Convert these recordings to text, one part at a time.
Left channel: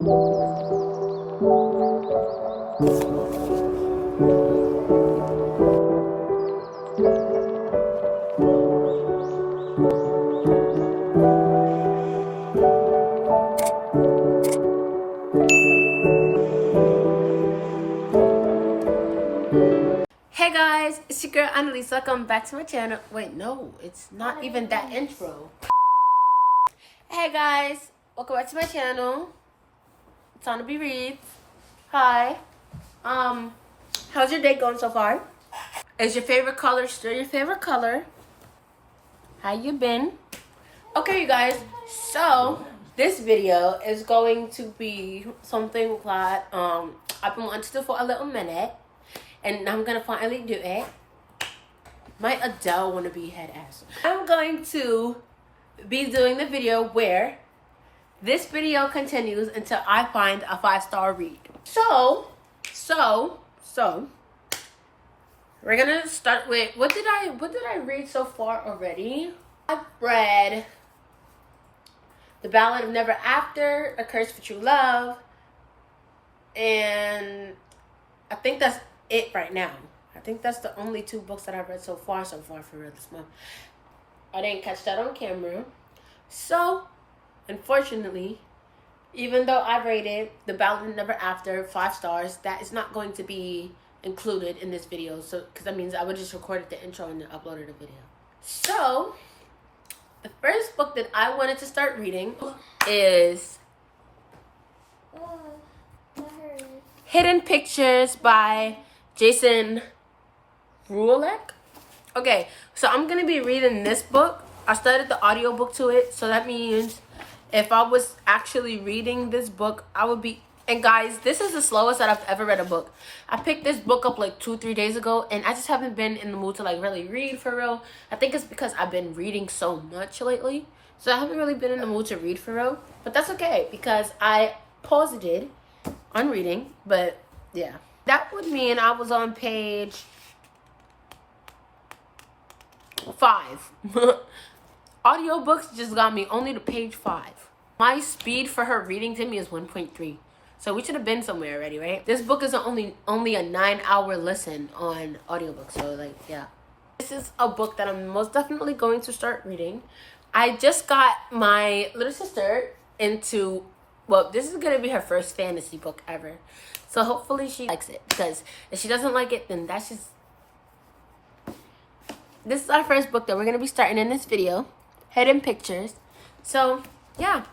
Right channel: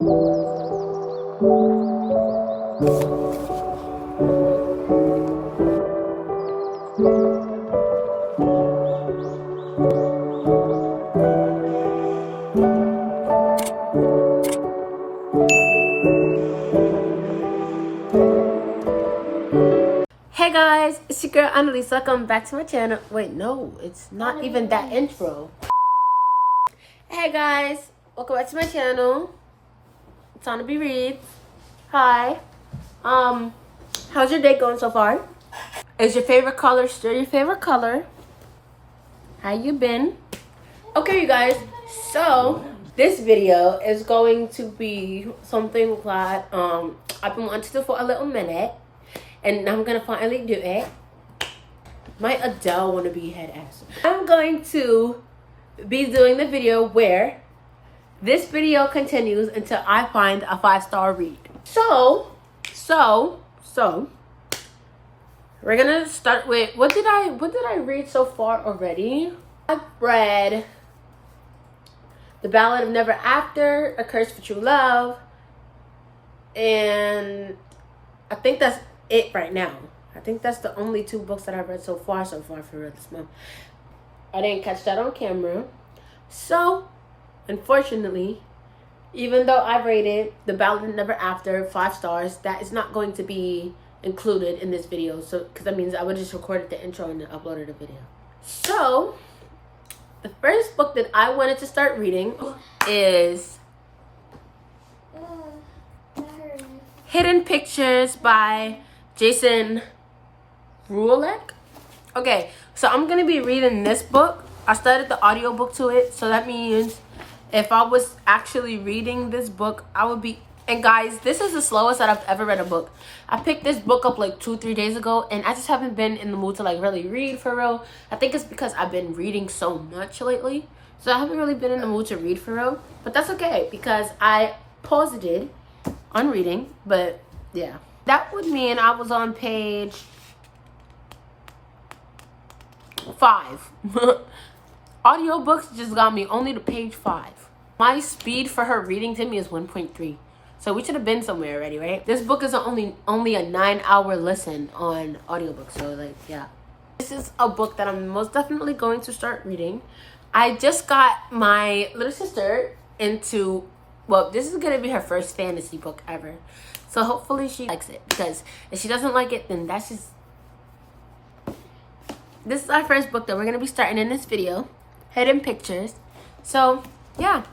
Hey guys, it's your girl Annalise. Welcome back to my channel. Wait, no, it's not even that intro. Hey guys, welcome back to my channel. It's ahnalbeereads. Hi. How's your day going so far? Is your favorite color still your favorite color? How you been? Okay, you guys. So this video is going to be something that I've been wanting to do for a little minute. And I'm gonna finally do it. My Adele wannabe head ass. I'm going to be doing the video where this video continues until I find a 5-star read. So we're gonna start with what did I read so far already? I've read The Ballad of Never After, A Curse for True Love, and I think that's it right now. I think that's the only 2 books that I've read so far for this month. I didn't catch that on camera. So, unfortunately, even though I rated The Ballad of Never After 5 stars, that is not going to be included in this video. So, because that means I would just recorded the intro and then uploaded the video. So, the first book that I wanted to start reading is Hidden Pictures by Jason Ruleck. Okay, so I'm gonna be reading this book. I started the audiobook to it, so that means if I was actually reading this book, I would be. And guys, this is the slowest that I've ever read a book. I picked this book up like 2-3 days ago, and I just haven't been in the mood to like really read for real. I think it's because I've been reading so much lately, so I haven't really been in the mood to read for real. But that's okay because I paused it on reading. But yeah. That would mean I was on page 5. Audiobooks just got me only to page 5. My speed for her reading to me is 1.3. So we should have been somewhere already, right? This book is only a 9-hour listen on audiobook. So like, yeah. This is a book that I'm most definitely going to start reading. I just got my little sister into, well, this is going to be her first fantasy book ever. So hopefully she likes it, because if she doesn't like it, then that's just... This is our first book that we're going to be starting in this video. Hidden Pictures. So, yeah.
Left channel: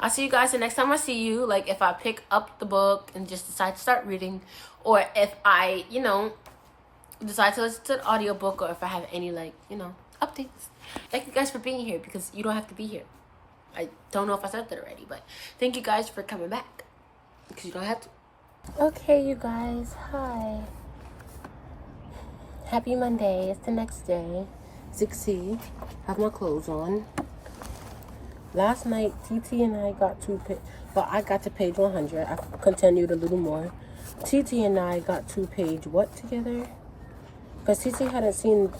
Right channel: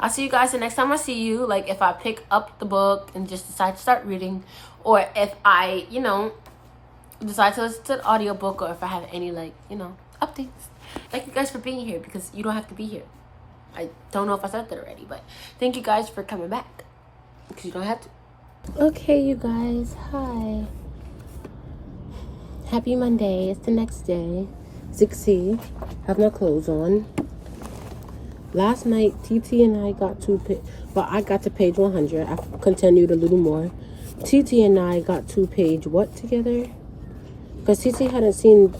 I'll see you guys the next time I see you. Like, if I pick up the book and just decide to start reading. Or if I, decide to listen to the audiobook. Or if I have any, updates. Thank you guys for being here, because you don't have to be here. I don't know if I said that already, but thank you guys for coming back, because you don't have to. Okay, you guys, hi. Happy Monday. It's the next day. 6C. Have my clothes on. Last night, TT and I got to I got to page 100. I continued a little more. TT and I got to page what together? Because TT hadn't seen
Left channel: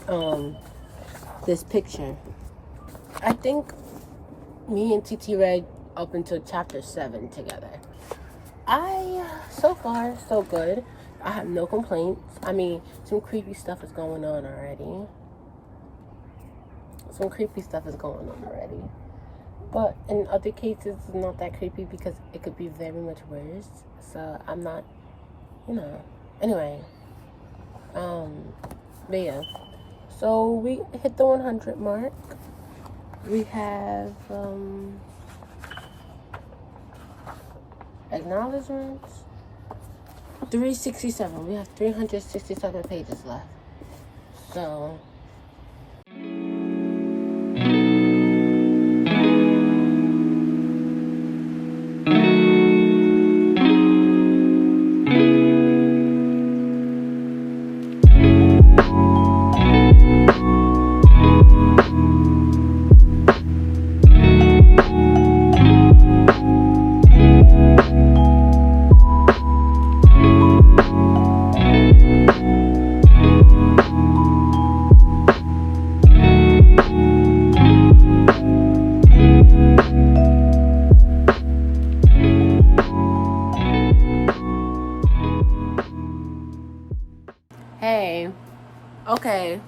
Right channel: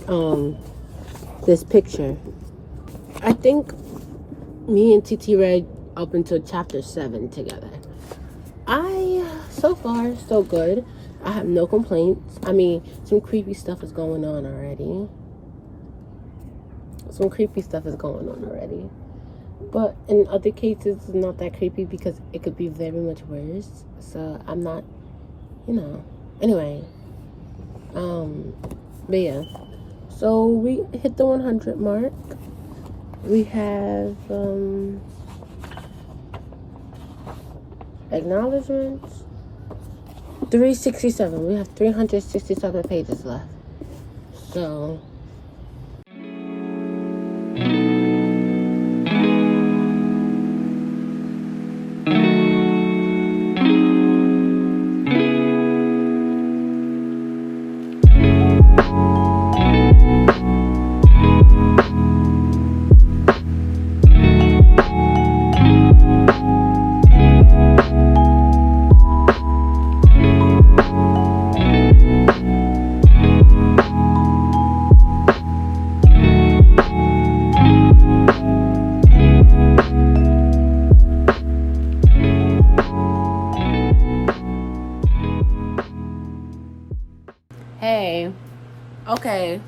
this picture. I think me and TT read up until chapter 7 together. So far, so good. I have no complaints. I mean, some creepy stuff is going on already. But in other cases, it's not that creepy because it could be very much worse. So I'm not, Anyway. But yeah. So we hit the 100 mark. We have, acknowledgements. 367. We have 367 pages left. So Okay,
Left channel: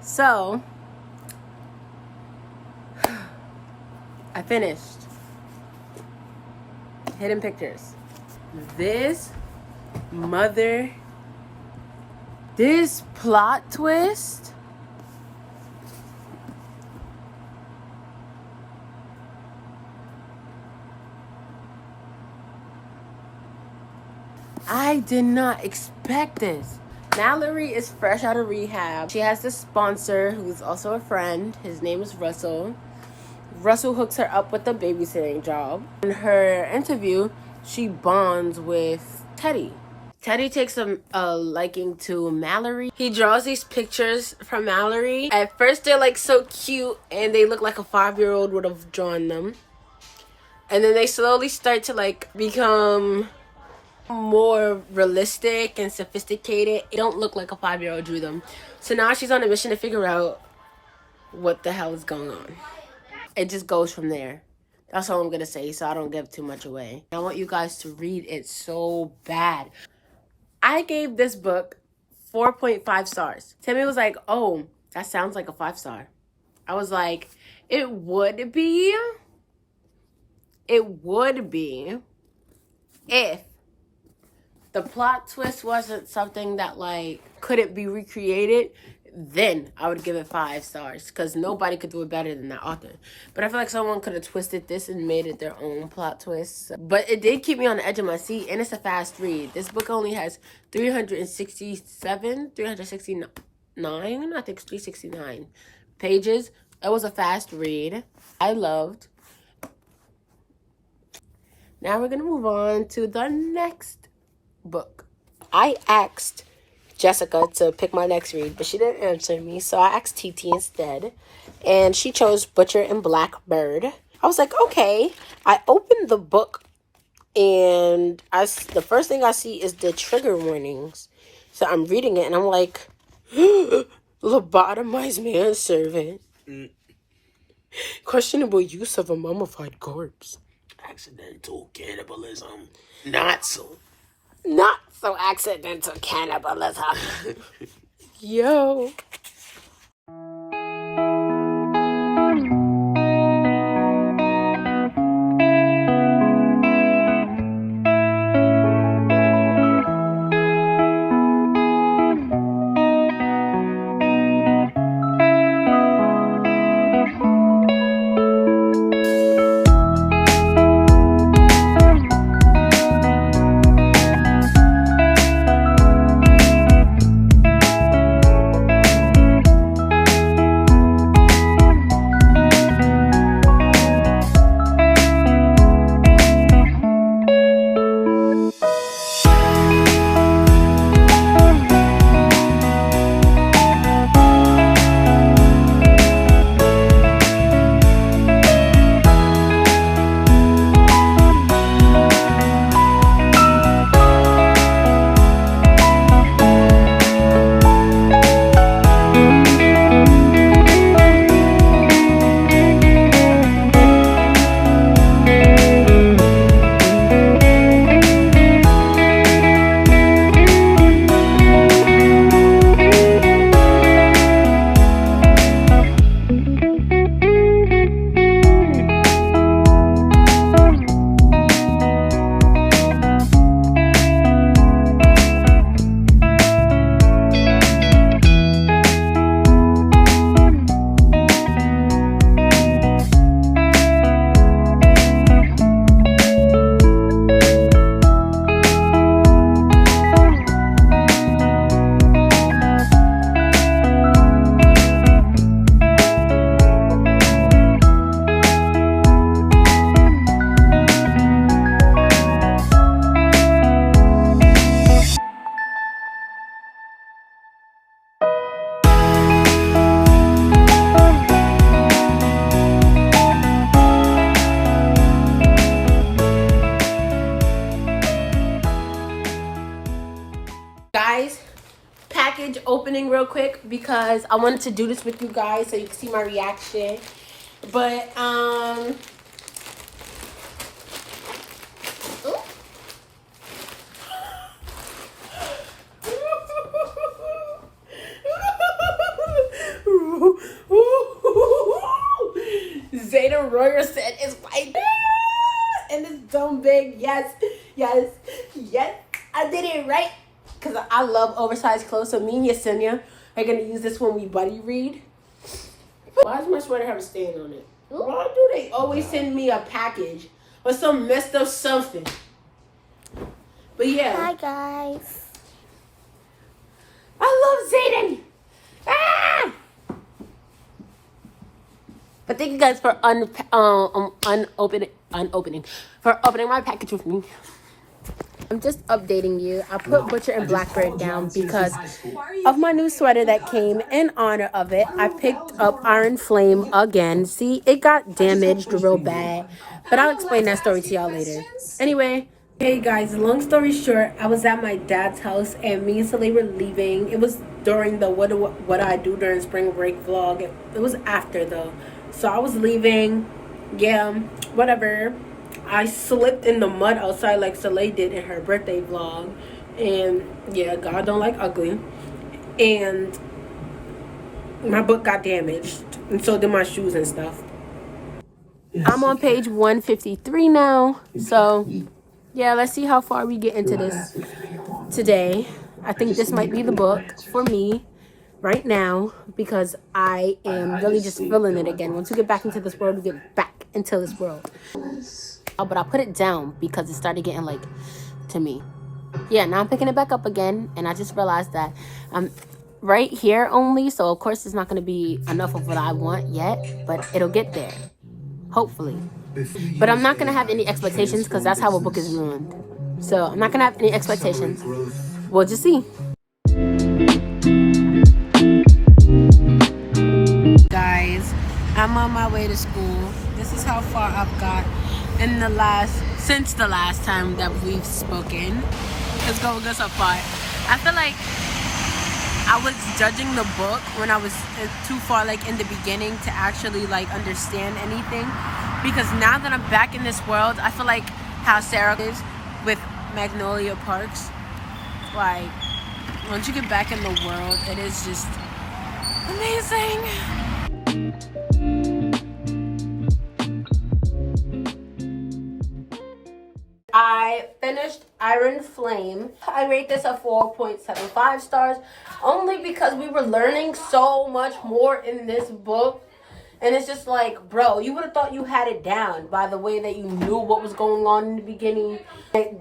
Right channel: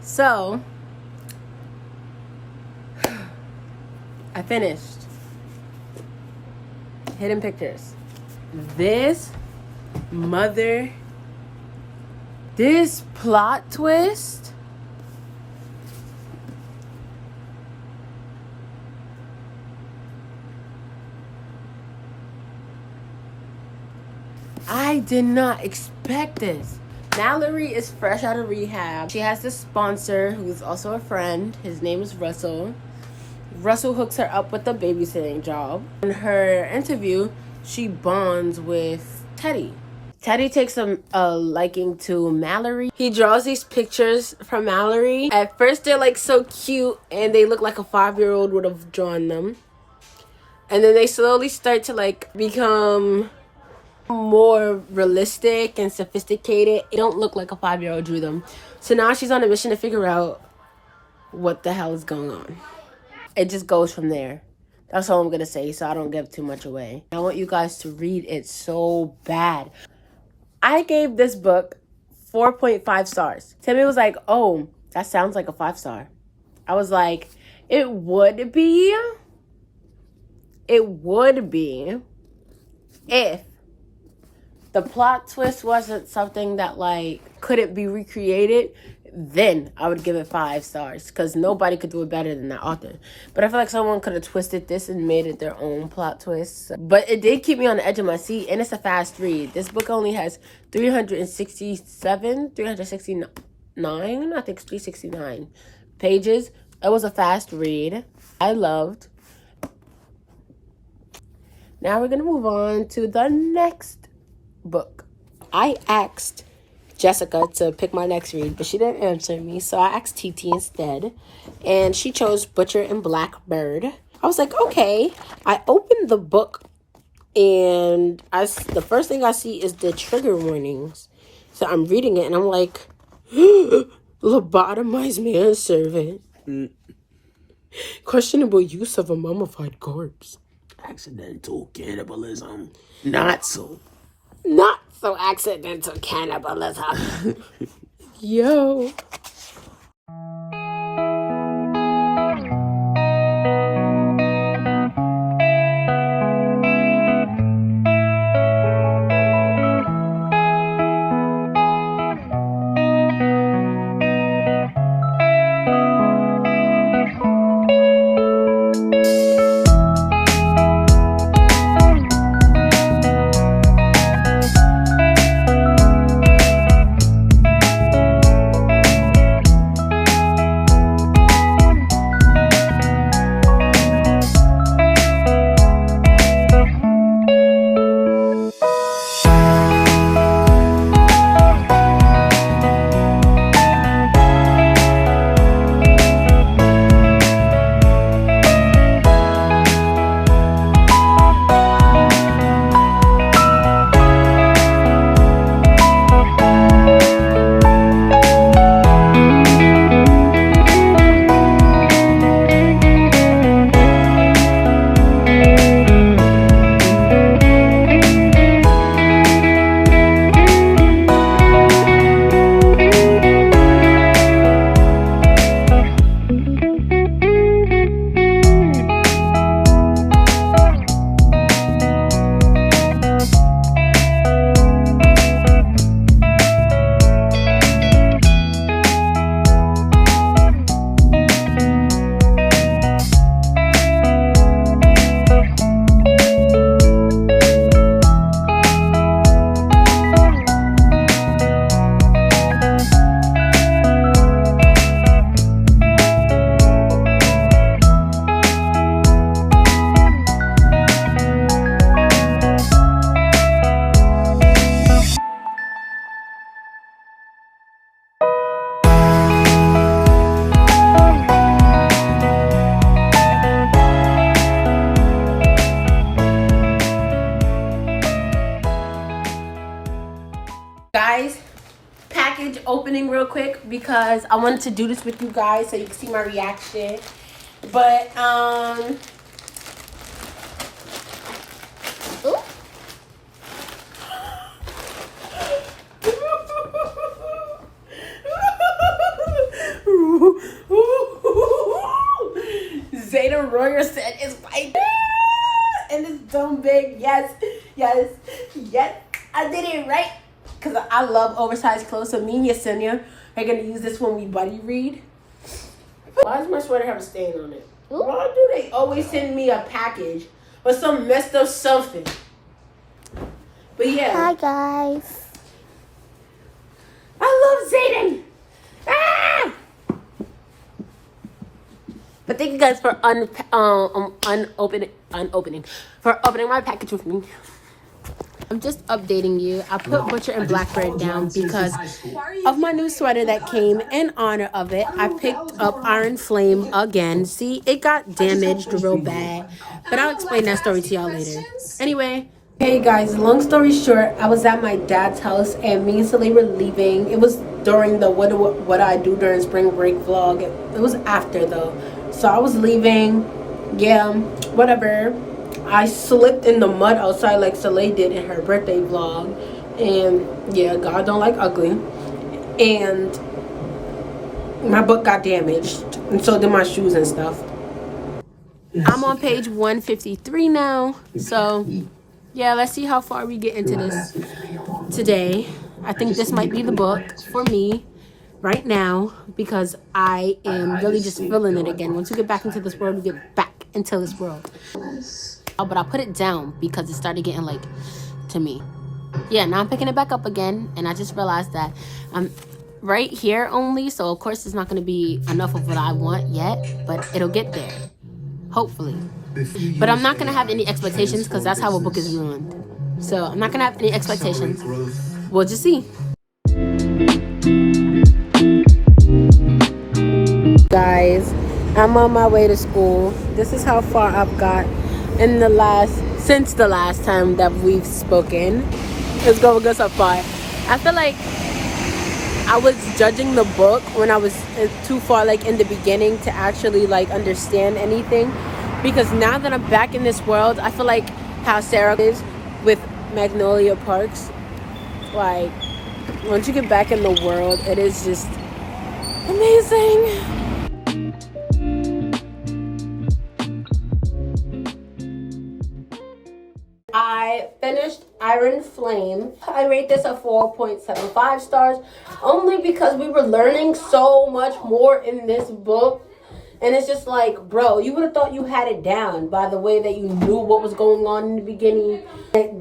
so I finished Hidden Pictures. This plot twist. I did not expect this. Mallory is fresh out of rehab. She has this sponsor who's also a friend. His name is Russell. Russell hooks her up with a babysitting job. In her interview, she bonds with Teddy. Teddy takes a liking to Mallory. He draws these pictures from Mallory. At first, they're like so cute and they look like a 5-year-old would have drawn them. And then they slowly start to like become more realistic and sophisticated. It don't look like a 5-year-old drew them. So now she's on a mission to figure out what the hell is going on. It just goes from there. That's all I'm gonna say, so I don't give too much away. I want you guys to read it so bad. I gave this book 4.5 stars. Timmy was like, oh, that sounds like a 5-star. I was like, it would be if the plot twist wasn't something that like couldn't be recreated. Then I would give it 5 stars because nobody could do it better than that author. But I feel like someone could have twisted this and made it their own plot twist. But it did keep me on the edge of my seat, and it's a fast read. This book only has 369, I think it's 369 pages. It was a fast read. I loved. Now we're going to move on to the next book. I asked Jessica to pick my next read, but she didn't answer me, so I asked TT instead, and she chose Butcher and Blackbird. I was like, okay. I opened the book, and the first thing I see is the trigger warnings. So I'm reading it, and I'm like, lobotomized manservant. Questionable use of a mummified corpse. Accidental cannibalism. Not so accidental cannibalism. Yo. Guys, package opening real quick because I wanted to do this with you guys so you can see my reaction. But ooh. Royer said is white. And it's so big. Yes, yes, yes. I did it right. Because I love oversized clothes. So me and Yesenia are going to use this when we buddy read. Why does my sweater have a stain on it? Why do they always send me a package or some messed up something? But yeah. Hi guys. I love Zayden. Ah! But thank you guys for opening my package with me. I'm just updating you. I put Butcher and Blackbird down because of my new sweater that came in honor of it. I picked up Iron Flame again. See, it got damaged real bad. But I'll explain that story to y'all later. Anyway, hey guys, long story short, I was at my dad's house and me and Soleil were leaving. It was during the what I do during spring break vlog. It was after though. So I was leaving. Yeah, whatever. I slipped in the mud outside like Soleil did in her birthday vlog. And yeah, God don't like ugly. And my book got damaged. And so did my shoes and stuff. I'm on page 153 now. So yeah, let's see how far we get into this today. I think this might be the book for me right now because I am really just feeling it again. Once we get back into this world, we get back into this world. But I put it down because it started getting like to me. Yeah, now I'm picking it back up again, and I just realized that I'm right here only, so of course it's not going to be enough of what I want yet, but it'll get there, hopefully. But I'm not going to have any expectations because that's how a book is ruined. So I'm not going to have any expectations. We'll just see. Guys, I'm on my way to school. This is how far I've got in since the last time that we've spoken. It's going good so far. I feel like I was judging the book when I was too far like in the beginning to actually like understand anything, because now that I'm back in this world, I feel like how Sarah is with Magnolia Parks. Like once you get back in the world, it is just amazing. I finished Iron Flame. I rate this a 4.75 stars only because we were learning so much more in this book. And it's just like, bro, you would have thought you had it down by the way that you knew what was going on in the beginning. It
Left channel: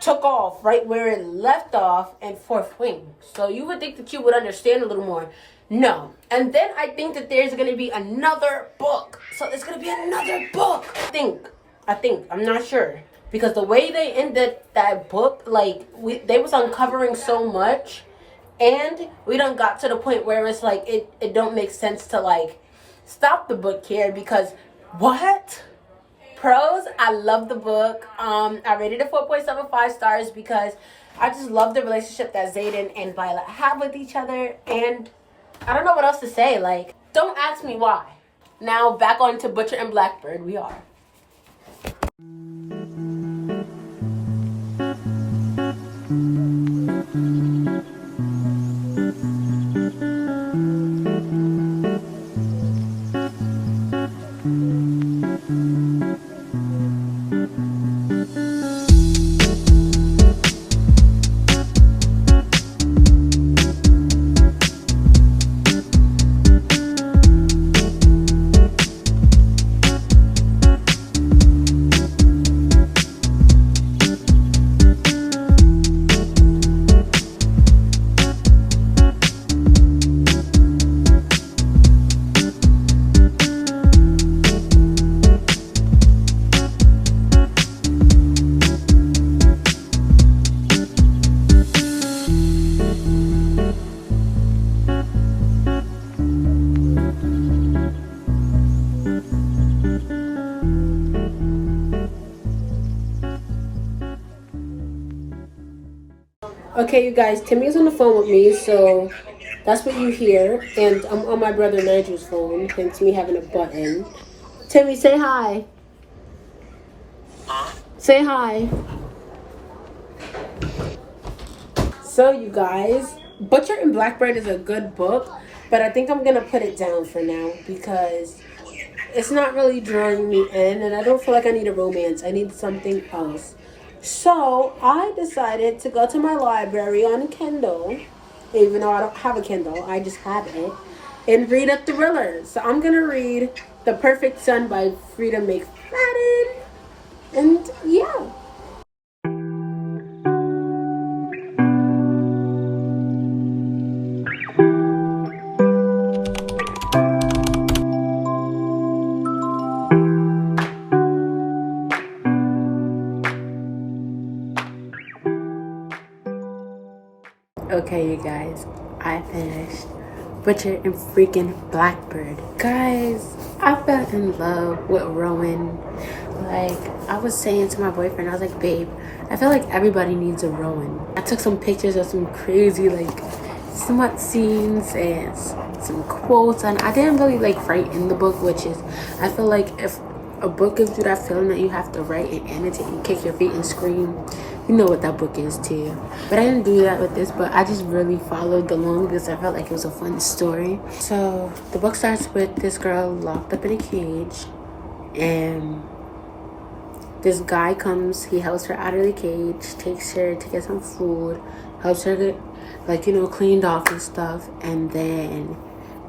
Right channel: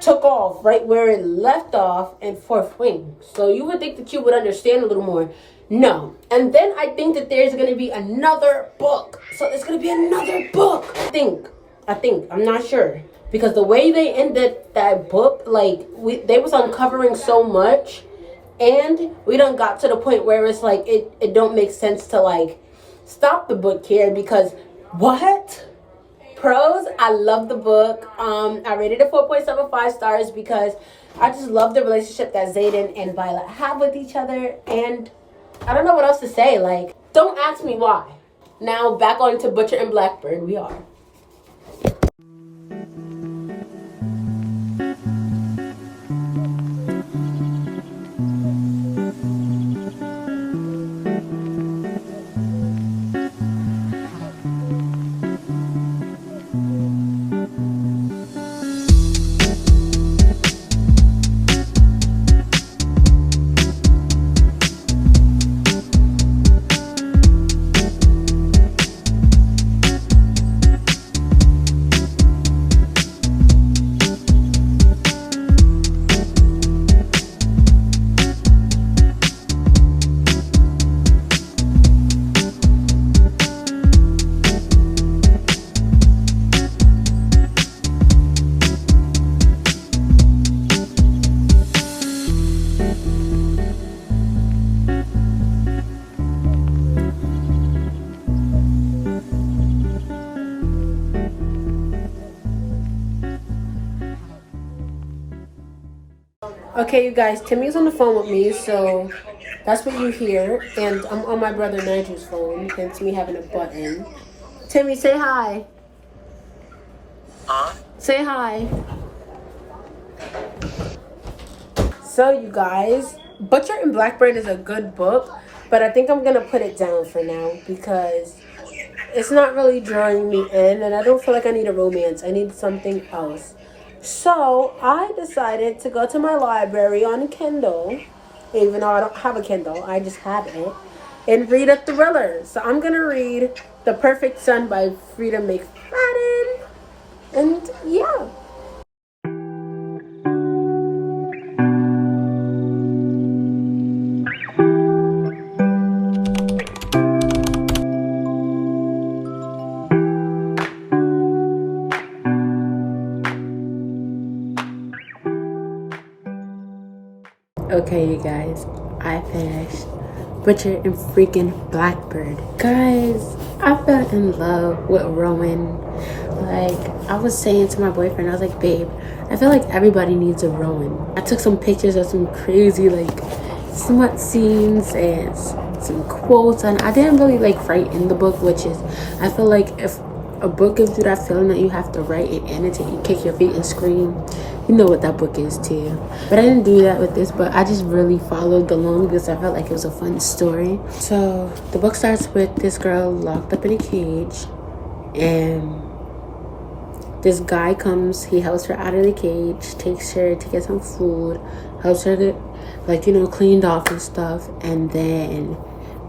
took off right where it left off in Fourth Wing. So you would think that you would understand a little more. No. And then I think that there's going to be another book. So there's going to be another book. I think. I'm not sure. Because the way they ended that book, like, they was uncovering so much. And we done got to the point where it's like, it don't make sense to, like, stop the book here. Because, what? Pros, I love the book. I rated it 4.75 stars because I just love the relationship that Zayden and Violet have with each other. And I don't know what else to say. Like, don't ask me why. Now, back on to Butcher and Blackbird, we are. Okay, you guys, Timmy's on the phone with me, so that's what you hear. And I'm on my brother Nigel's phone, hence me having a button. Timmy, say hi. Huh? Say hi. So, you guys, Butcher and Blackbird is a good book, but I think I'm going to put it down for now because it's not really drawing me in, and I don't feel like I need a romance. I need something else. So I decided to go to my library on Kindle, even though I don't have a Kindle, I just have it, and read a thriller. So I'm gonna read The Perfect Son by Frida McFadden, and yeah. Okay, you guys, I finished Butcher and freaking Blackbird. Guys, I fell in love with Rowan. Like, I was saying to my boyfriend, I was like, babe, I feel like everybody needs a Rowan. I took some pictures of some crazy, like, smut scenes and some quotes, and I didn't really, like, write in the book, which is, I feel like if a book gives you that feeling that you have to write and annotate, you kick your feet and scream, you know what that book is too. But I didn't do that with this book. I just really followed along because I felt like it was a fun story. So the book starts with this girl locked up in a cage, and this guy comes, he helps her out of the cage, takes her to get some food, helps her get, like, you know, cleaned off and stuff, and then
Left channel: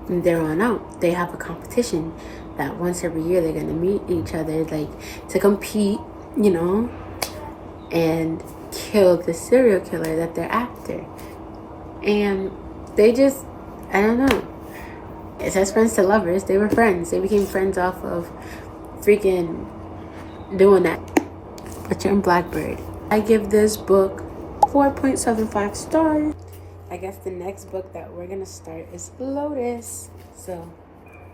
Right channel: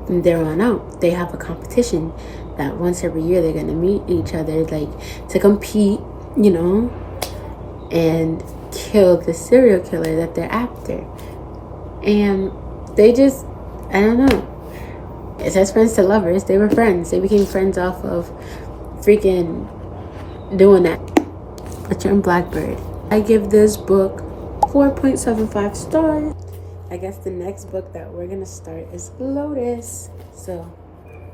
from there on out, they have a competition that once every year they're gonna meet each other, like, to compete, you know, and kill the serial killer that they're after. And they just, I don't know, it says friends to lovers. They were friends. They became friends off of freaking doing that. Butcher and Blackbird. I give this book 4.75 stars. I guess the next book that we're gonna start is Lotus. So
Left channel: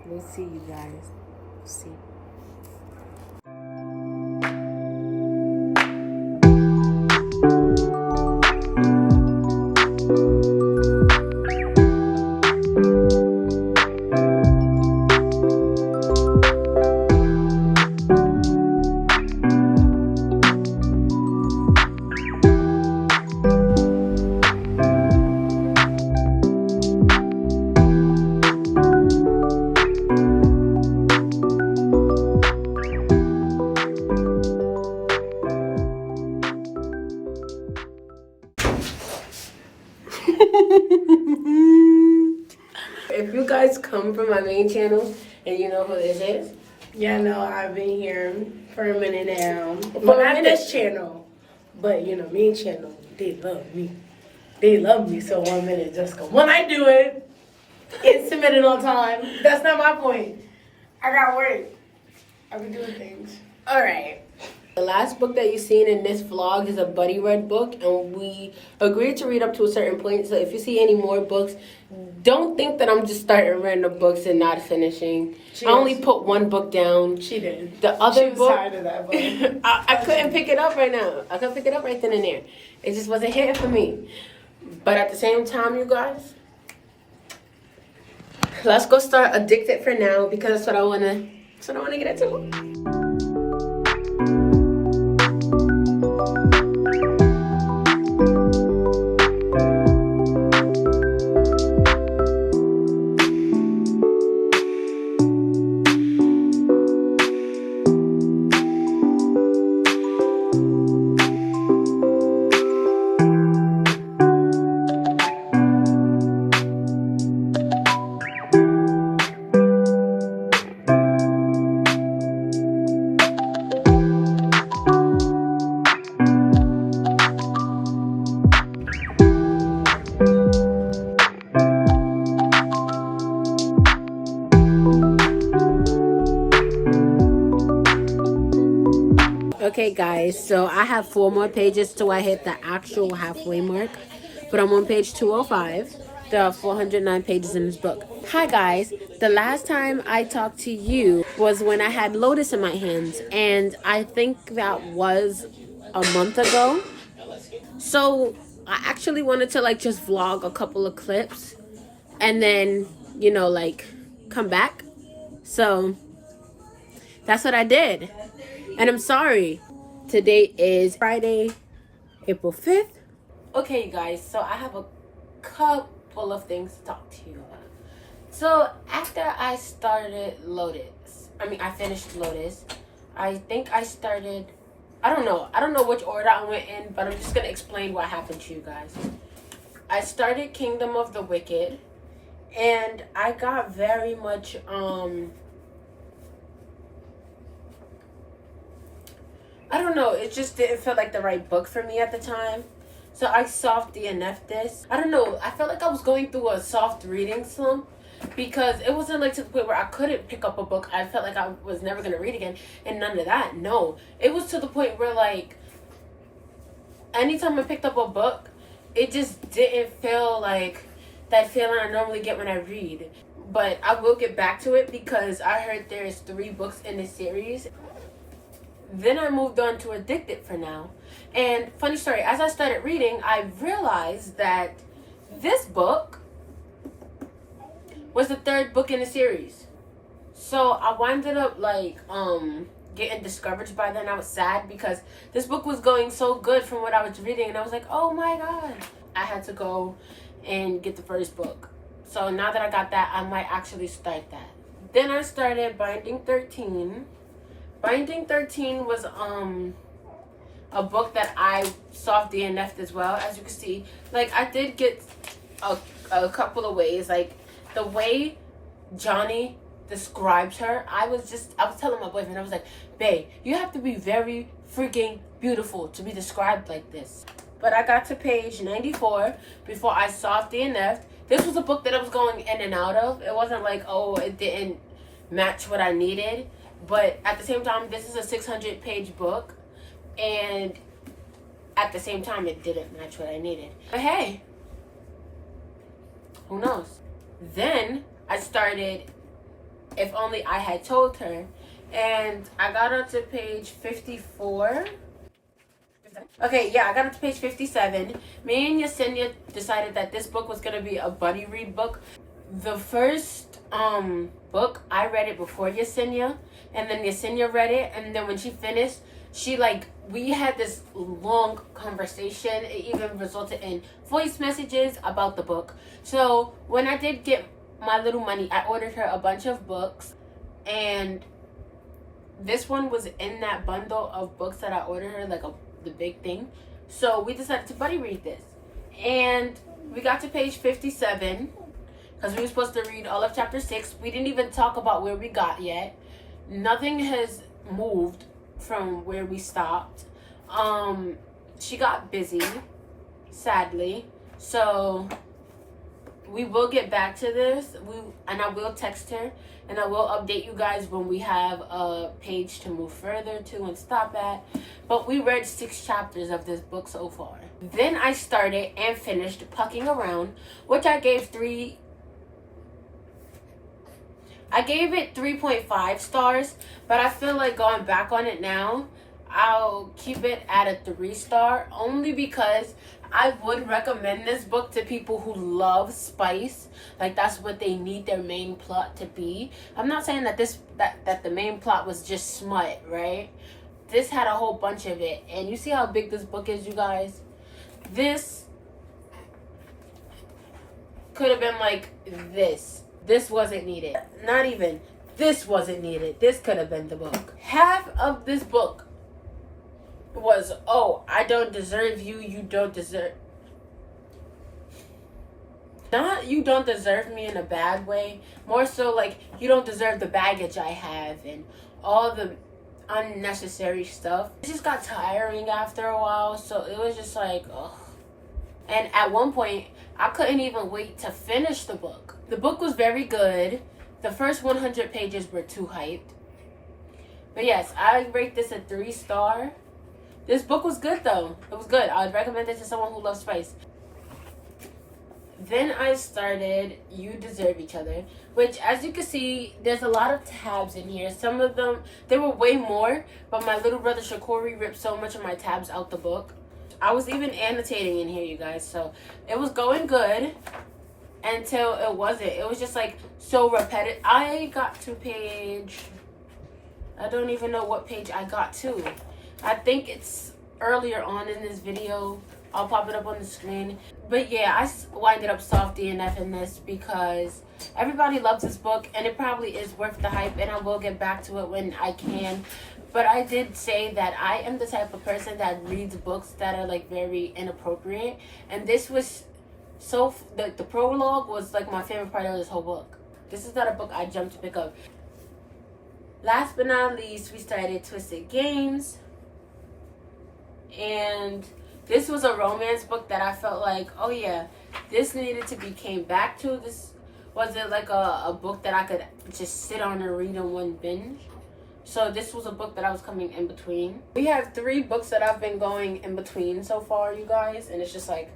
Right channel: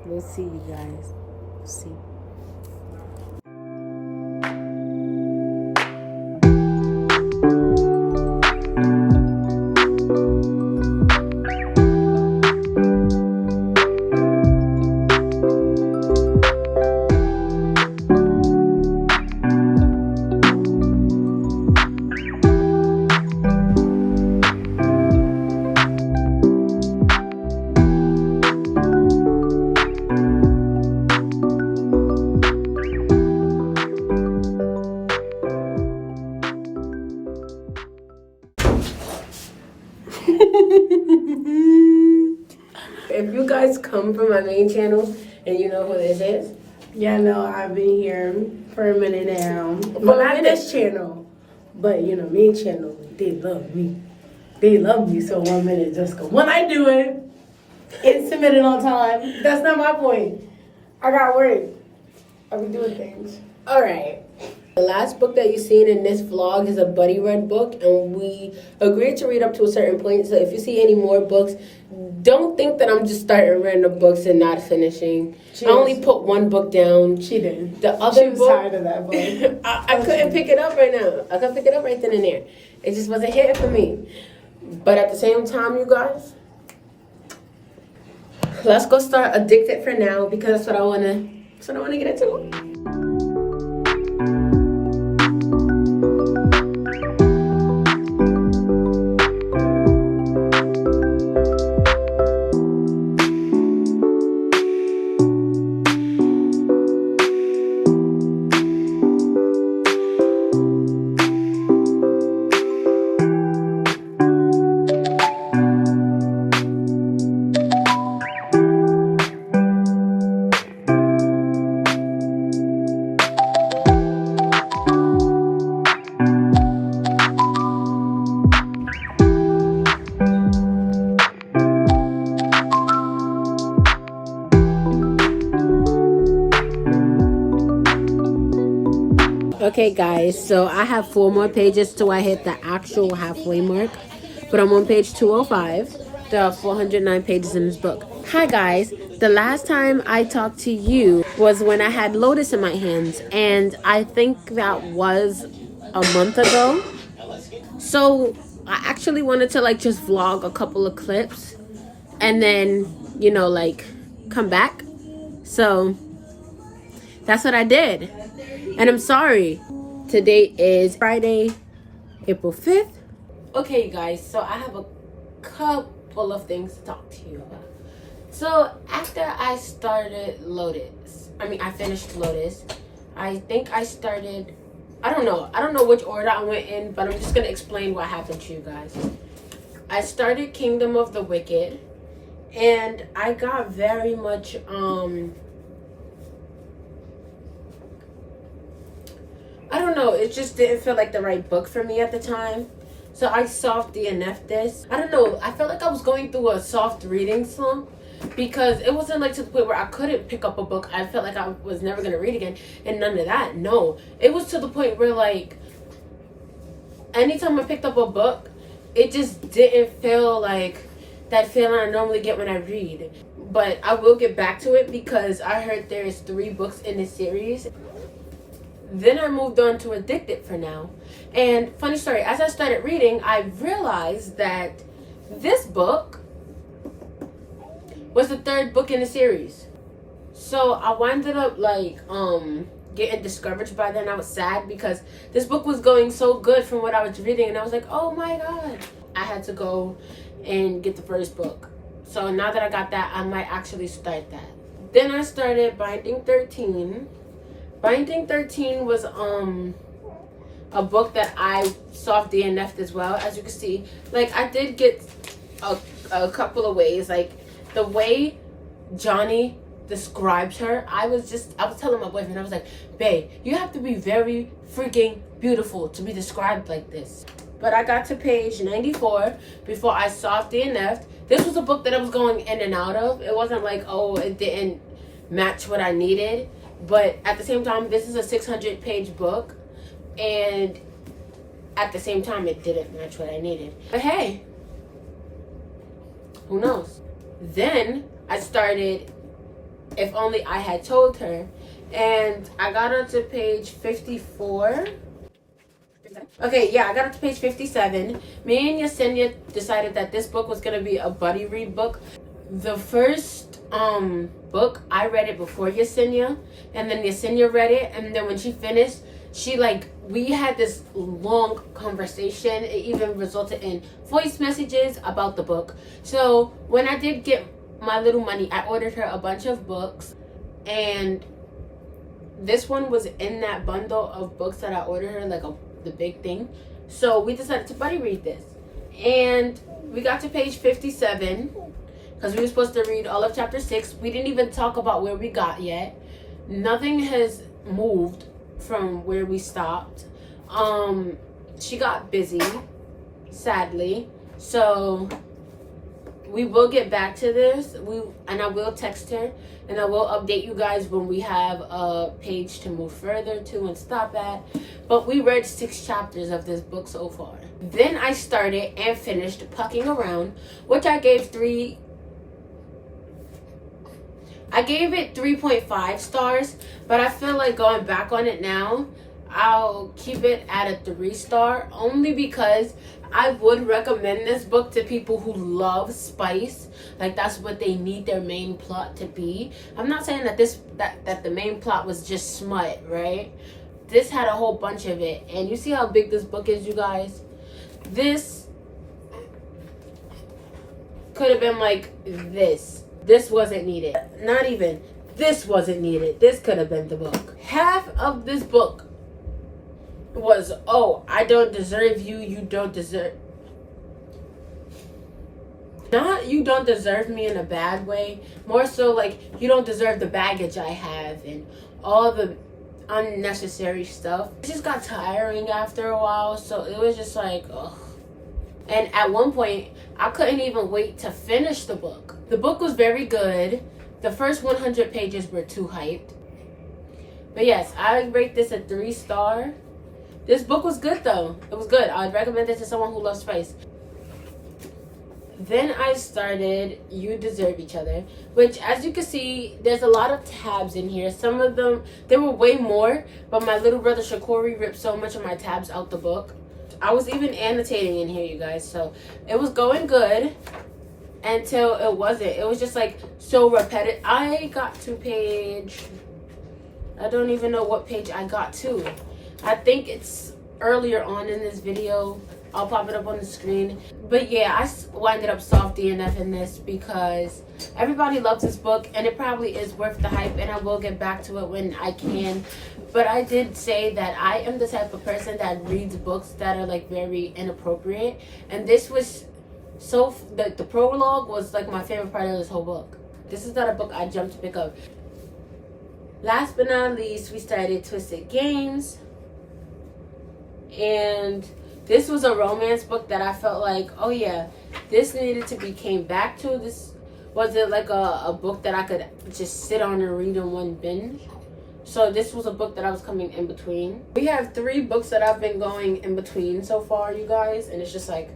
we'll see, you guys. We'll see. If you guys come from my main channel and you know who this is, Yeah, no, I've been here for a minute now. But not this channel. But, you know, main channel, they love me. They love me, so 1 minute just go. When I do it, it's submitted on time. That's not my point. I got work. I've been doing things. all right. The last book that you've seen in this vlog is a buddy read book, and we agreed to read up to a certain point. So if you see any more books, don't think that I'm just starting random books and not finishing. I only put one book down. She did. The other She was book, tired of that book. I couldn't pick it up right now. I couldn't pick it up right then and there. It just wasn't hitting for me. But at the same time, you guys, let's go start Addicted for now, because that's what I wanna get into. Okay guys, so I have 4 more pages till I hit the actual halfway mark, but I'm on page 205. There are 409 pages in this book. Hi guys, the last time I talked to you was when I had Lotus in my hands, and I think that was a month ago. So I actually wanted to like just vlog a couple of clips and then, you know, like come back. So that's what I did. And I'm sorry. Today is Friday, April 5th. Okay, you guys, so I have a couple of things to talk to you about. So after I started Lotus, I finished Lotus. I think I started, I don't know which order I went in, but I'm just gonna explain what happened to you guys. I started Kingdom of the Wicked, and I got very much I don't know, it just didn't feel like the right book for me at the time. So I soft DNF'd this. I don't know, I felt like I was going through a soft reading slump, because it wasn't like to the point where I couldn't pick up a book. I felt like I was never going to read again, and none of that. No, it was to the point where, like, anytime I picked up a book, it just didn't feel like that feeling I normally get when I read. But I will get back to it, because I heard there's 3 books in this series. Then I moved on to Addicted for now. And funny story, as I started reading, I realized that this book was the 3rd book in the series. So I winded up like getting discouraged by then. I was sad because this book was going so good from what I was reading, and I was like, oh my god. I had to go and get the 1st book. So now that I got that, I might actually start that. Then I started Binding 13. Binding 13 was a book that I soft DNF'd as well. As you can see, like, I did get a couple of ways. Like, the way Johnny describes her, I was telling my boyfriend, I was like, babe, you have to be very freaking beautiful to be described like this. But I got to page 94 before I soft DNF'd. This was a book that I was going in and out of. It wasn't like, oh, it didn't match what I needed. But at the same time, this is a 600-page book, and at the same time, it didn't match what I needed. But hey, who knows? Then I started If Only I Had Told Her, and I got up to page 54. Okay, yeah, I got up to page 57. Me and Yesenia decided that this book was going to be a buddy read book. The first book, I read it before Yesenia, and then Yesenia read it, and then when she finished, we had this long conversation. It even resulted in voice messages about the book. So when I did get my little money, I ordered her a bunch of books, and this one was in that bundle of books that I ordered her, like the big thing. So we decided to buddy read this, and we got to page 57 because we were supposed to read all of chapter 6. We didn't even talk about where we got yet. Nothing has moved from where we stopped. She got busy, sadly, so we will get back to this. And I will text her, and I will update you guys when we have a page to move further to and stop at. But we read 6 chapters of this book so far. Then I started and finished Pucking Around, which I gave it 3.5 stars, but I feel like going back on it now, I'll keep it at a 3-star, only because I would recommend this book to people who love spice. Like, that's what they need their main plot to be. I'm not saying that that the main plot was just smut, right? This had a whole bunch of it, and you see how big this book is, you guys? This could have been like this. This wasn't needed. Not even. This wasn't needed. This could have been the book. Half of this book was, oh, I don't deserve you. You don't deserve. Not you don't deserve me in a bad way. More so like you don't deserve the baggage I have and all the unnecessary stuff. It just got tiring after a while. So it was just like, ugh. And at one point, I couldn't even wait to finish the book. The book was very good. The first 100 pages were too hyped. But yes, I rate this a 3-star. This book was good though. It was good. I would recommend it to someone who loves spice. Then I started You Deserve Each Other, which, as you can see, there's a lot of tabs in here. Some of them, there were way more, but my little brother Shakori ripped so much of my tabs out the book. I was even annotating in here, you guys, so it was going good until it wasn't. It was just like so repetitive. I got to page, I don't even know what page I got to. I think it's earlier on in this video. I'll pop it up on the screen. But yeah, I winded up soft DNF in this because everybody loves this book and it probably is worth the hype, and I will get back to it when I can. But I did say that I am the type of person that reads books that are like very inappropriate, and this was so the prologue was like my favorite part of this whole book. This is not a book I jumped to pick up. Last but not least, we started Twisted Games, and this was a romance book that I felt like, oh yeah, this needed to be came back to. This wasn't like a book that I could just sit on and read in one binge. So this was a book that I was coming in between. We have 3 books that I've been going in between so far, you guys, and it's just like,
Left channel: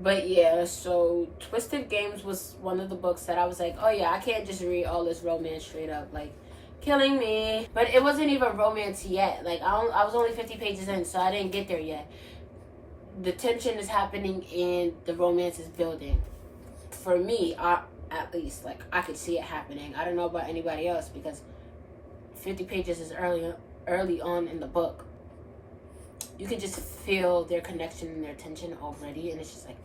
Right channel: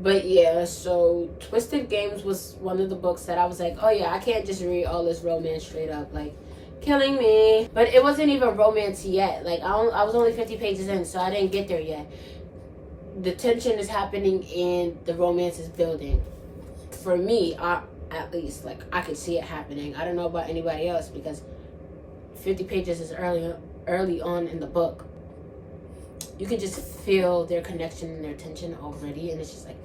But yeah, so Twisted Games was one of the books that I was like, oh yeah, I can't just read all this romance straight up, like, killing me. But it wasn't even romance yet. Like, I was only 50 pages in, so I didn't get there yet. The tension is happening and the romance is building. For me, at least, like, I could see it happening. I don't know about anybody else because 50 pages is early on in the book. You can just feel their connection and their tension already, and it's just like,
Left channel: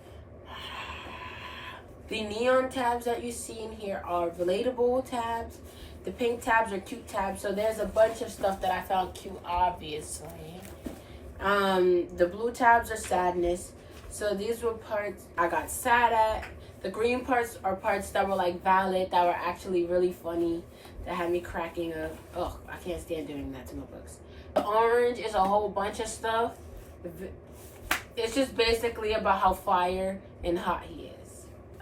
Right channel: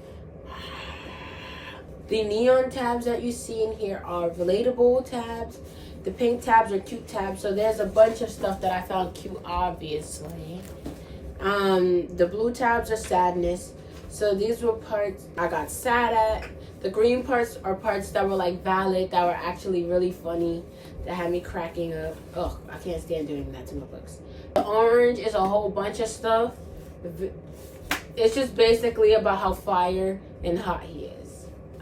the neon tabs that you see in here are relatable tabs. The pink tabs are cute tabs. So there's a bunch of stuff that I found cute, obviously. The blue tabs are sadness. So these were parts I got sad at. The green parts are parts that were like valid, that were actually really funny, that had me cracking up. Oh, I can't stand doing that to my books. The orange is a whole bunch of stuff. It's just basically about how fire and hot he is.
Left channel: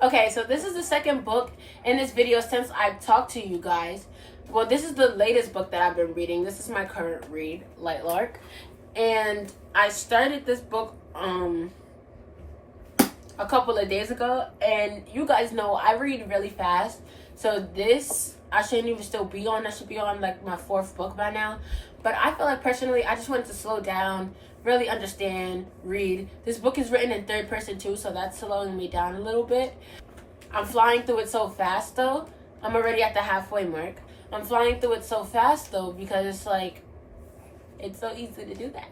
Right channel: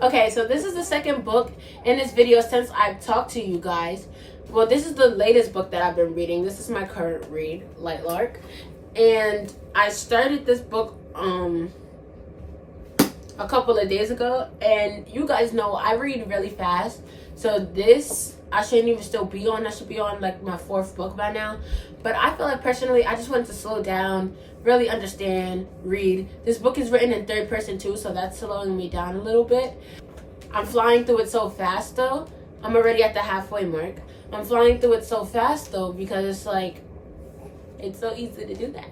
Okay, so this is the second book in this video since I've talked to you guys. Well, this is the latest book that I've been reading. This is my current read, Light Lark. And I started this book a couple of days ago. And you guys know I read really fast. So this, I shouldn't even still be on. I should be on like my 4th book by now. But I feel like personally, I just wanted to slow down, really understand, read. This book is written in 3rd person too, so that's slowing me down a little bit. I'm flying through it so fast though. I'm already at the halfway mark. I'm flying through it so fast though because it's like, it's so easy to do that.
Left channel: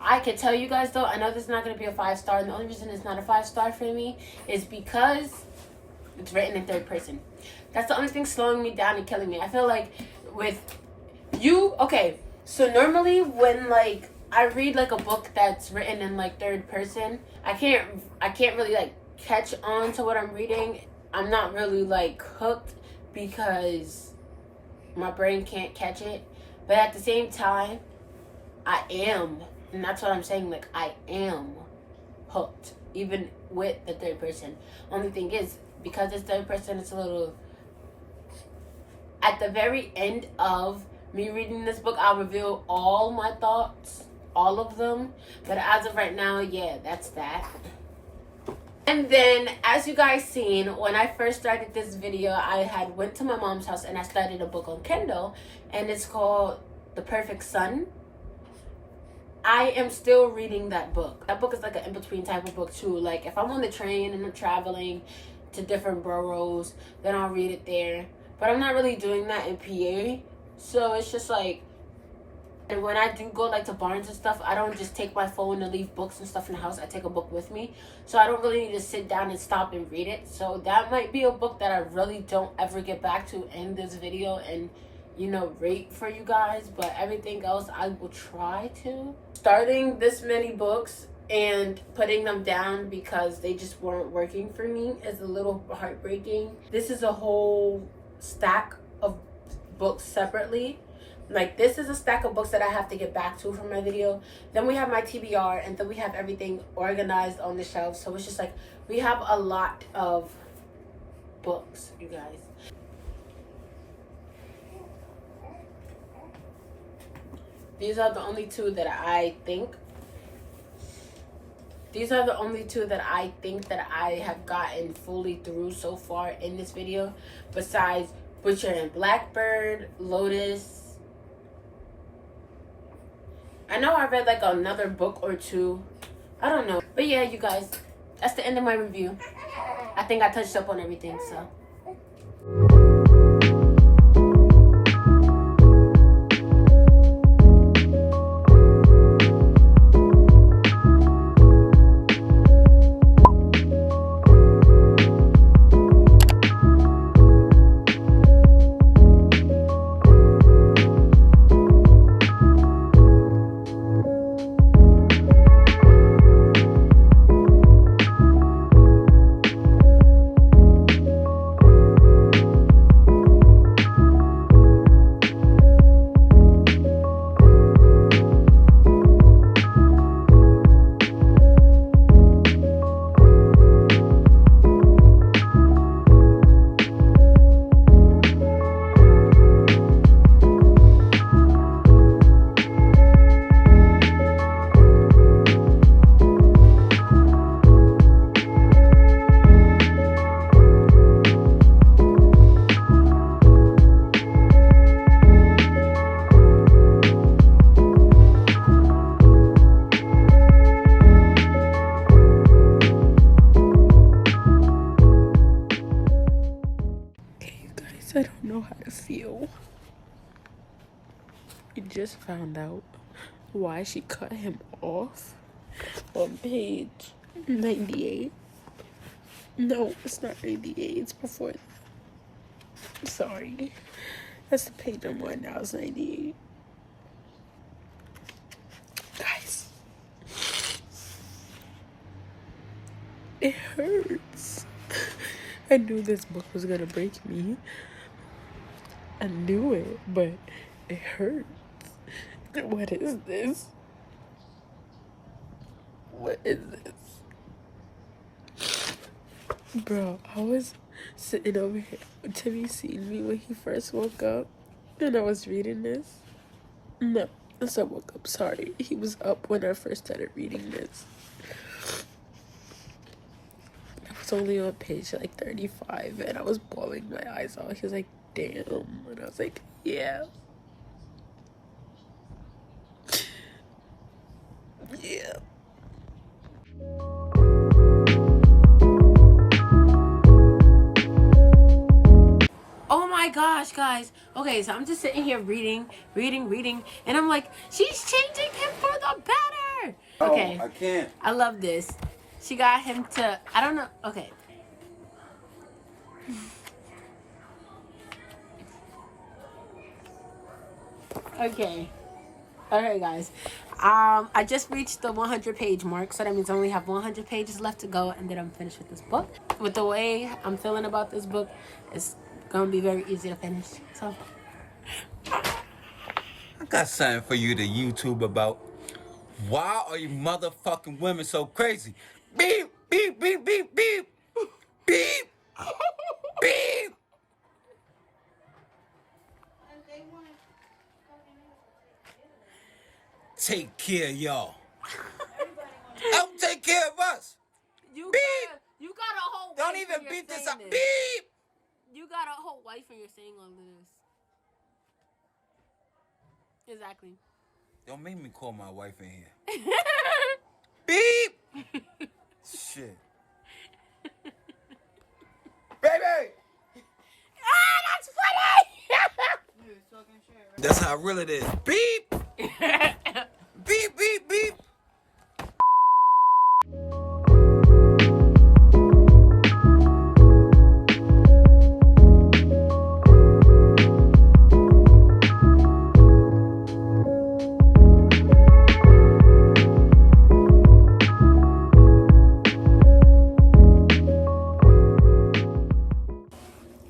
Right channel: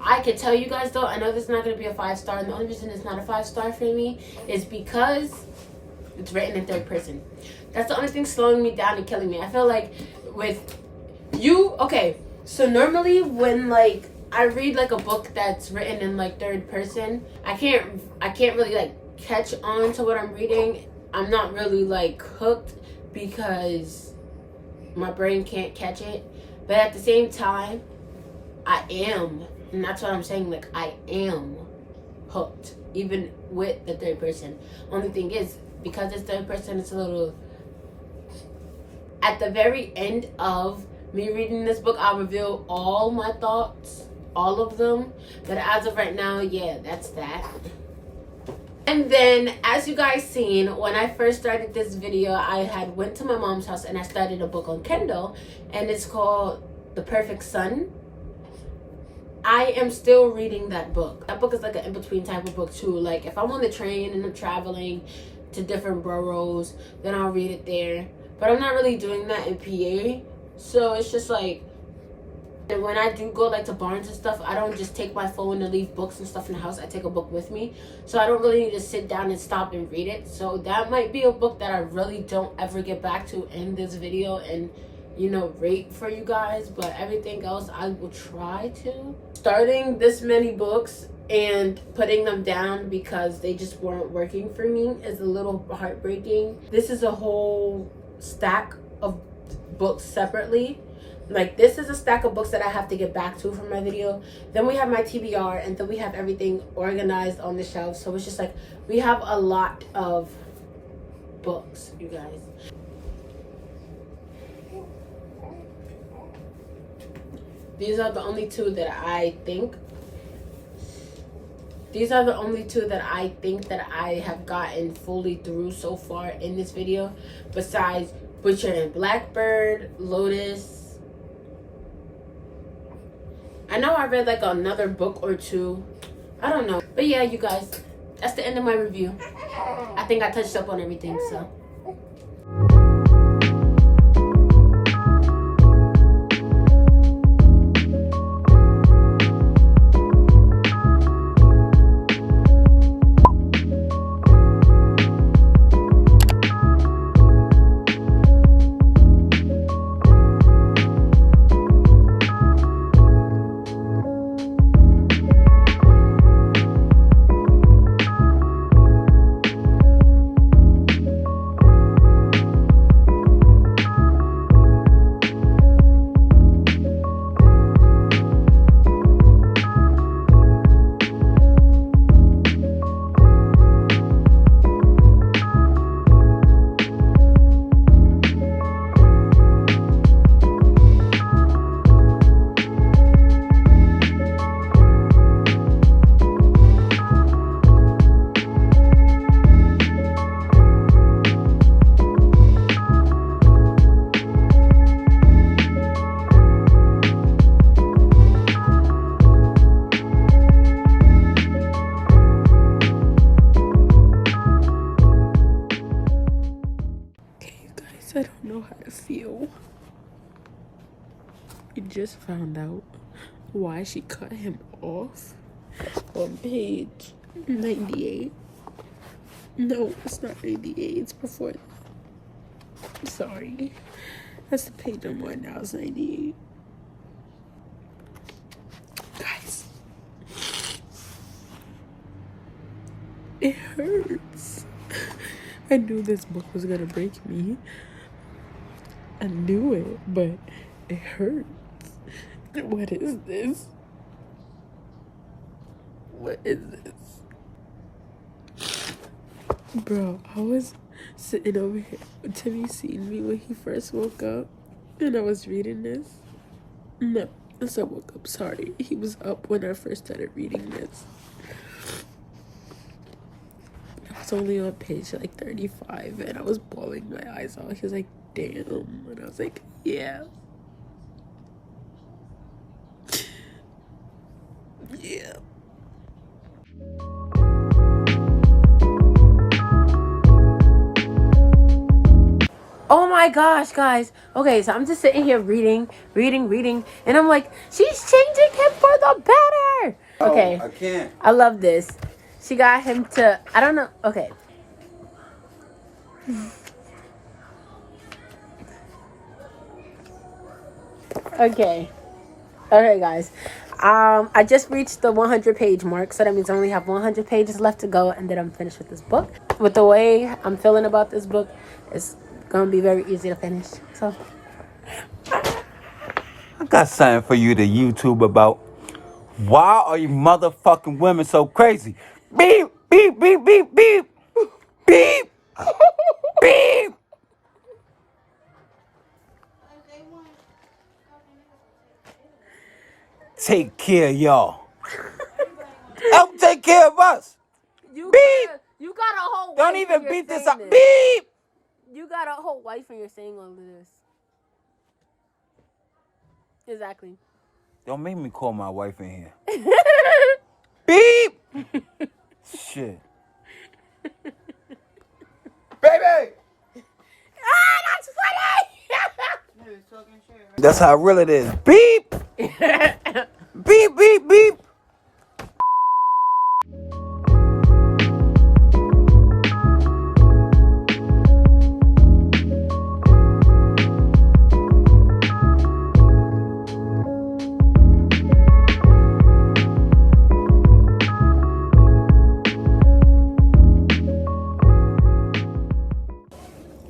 I can tell you guys though, I know this is not going to be a 5-star, and the only reason it's not a 5-star for me is because it's written in 3rd person. That's the only thing slowing me down and killing me. I feel like with you, okay, so normally when like I read like a book that's written in like 3rd person, I can't really like catch on to what I'm reading. I'm not really like hooked because my brain can't catch it. But at the same time, I am, and that's what I'm saying, like I am hooked even with the 3rd person. Only thing is, because it's 3rd person, it's a little, at the very end of me reading this book, I'll reveal all my thoughts, all of them. But as of right now, yeah, that's that. And then, as you guys seen, when I first started this video, I had went to my mom's house and I started a book on Kindle, and it's called The Perfect Son. I am still reading that book. That book is like an in-between type of book too. Like if I'm on the train and I'm traveling to different boroughs, then I'll read it there. But I'm not really doing that in PA. So it's just like, and when I do go like to Barnes and stuff, I don't just take my phone and leave books and stuff in the house. I take a book with me. So I don't really need to sit down and stop and read it. So that might be a book that I really don't ever get back to in this video and, you know, rate for you guys. But everything else I will try to. Starting this many books and putting them down because they just weren't working for me is a little heartbreaking. This is a whole stack of books separately. Like this is a stack of books that I have to get back to for my video. Then we have my TBR, and then we have everything organized on the shelf. So it's just like we have a lot of books, you guys. These are the only two that I think. These are the only two that I think that I have gotten fully through so far in this video. Besides Butcher and Blackbird, Lotus. I know I read like another book or two. I don't know. But yeah, you guys, that's the end of my review. I think I touched up on everything, so. just found out why she cut him off on page 98. No, it's not 98. It's before. Sorry. That's the page I'm on now. It's 98. Guys. It hurts. I knew this book was gonna break me. I knew it, but it hurts. What is this? What is this? Bro, I was sitting over here. Timmy seen me when he first woke up, and I was reading this. No, I said woke up, sorry. He was up when I first started reading this. I was only on page like 35, and I was bawling my eyes out. He was like, damn. And I was like, yeah. Yeah. Oh my gosh, guys. Okay, so I'm just sitting here reading, and I'm like, she's changing him for the better. Okay. I can't. I love this. She got him to, I don't know. Okay. Okay. Okay, guys. I just reached the 100 page mark, so that means I only have 100 pages left to go, and then I'm finished with this book. With the way I'm feeling about this book, it's gonna be very easy to finish. So I got something for you to YouTube about. Why are you motherfucking women so crazy? Beep, beep, beep, beep, beep. Beep. Beep. Take care of y'all. Help take care of us. you Beep. You got a whole wife. Don't even and you're beat this saying up. Beep. You got a whole wife and you're saying all of this. Exactly. Don't make me call my wife in here. Beep. Shit. Baby. Ah, that's funny. That's how real it is. Beep. Beep, beep, beep.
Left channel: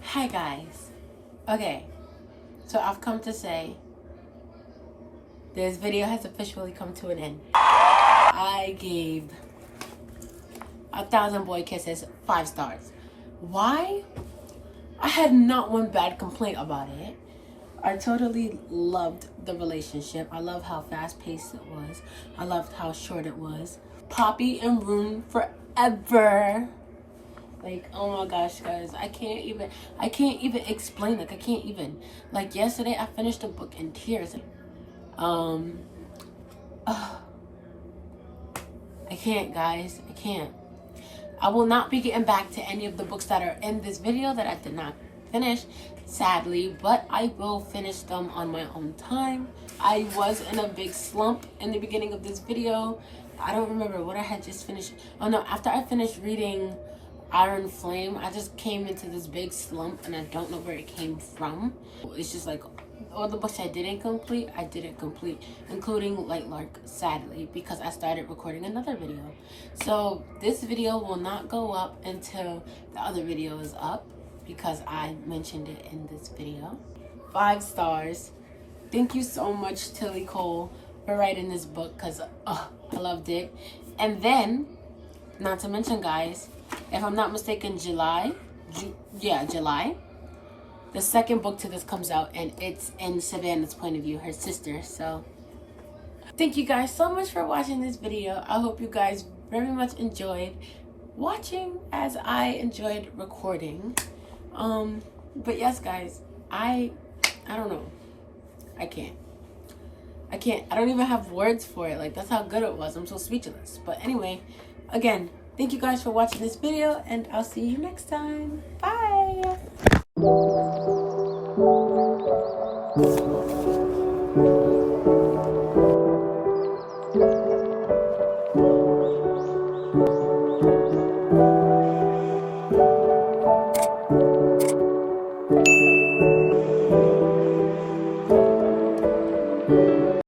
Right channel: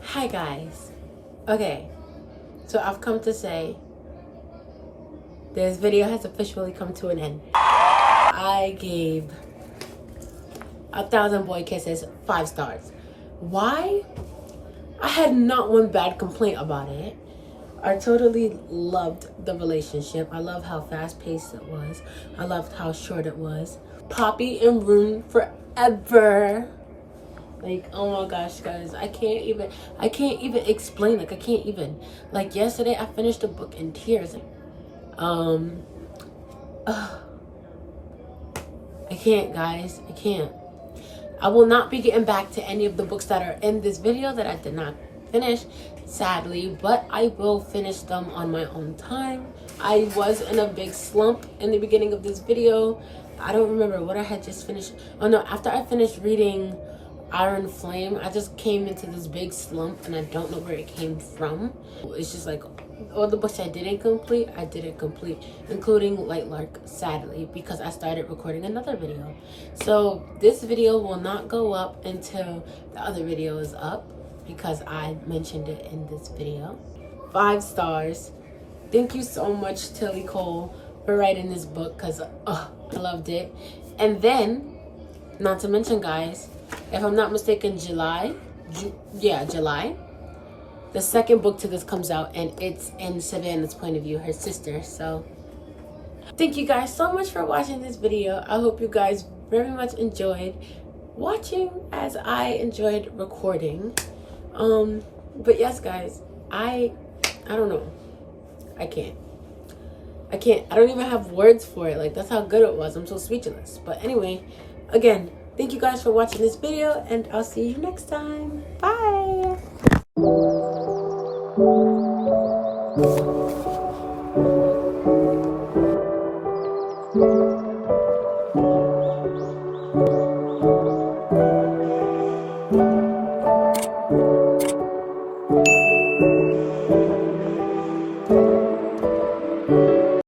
Hi guys. Okay, so I've come to say this video has officially come to an end. I gave 1,000 Boy Kisses 5 stars. Why? I had not one bad complaint about it. I totally loved the relationship. I love how fast-paced it was. I loved how short it was. Poppy and Rune forever. Like, oh my gosh, guys, I can't even explain. Like, I can't even. Like, yesterday I finished a book in tears. I can't, guys. I can't. I will not be getting back to any of the books that are in this video that I did not finish, sadly, but I will finish them on my own time. I was in a big slump in the beginning of this video. I don't remember what I had just finished. Oh no, after I finished reading Iron Flame, I just came into this big slump and I don't know where it came from. It's just like all the books I didn't complete, including Light Lark, sadly, because I started recording another video. So this video will not go up until the other video is up because I mentioned it in this video. 5 stars. Thank you so much, Tilly Cole, for writing this book because I loved it. And then, not to mention, guys, if I'm not mistaken, July, the second book to this comes out, and it's in Savannah's point of view, her sister. So thank you guys so much for watching this video. I hope you guys very much enjoyed watching as I enjoyed recording. But yes, guys, I don't know. I can't. I don't even have words for it. Like, that's how good it was. I'm so speechless. But anyway, again, thank you guys for watching this video, and I'll see you next time. Bye. Bye.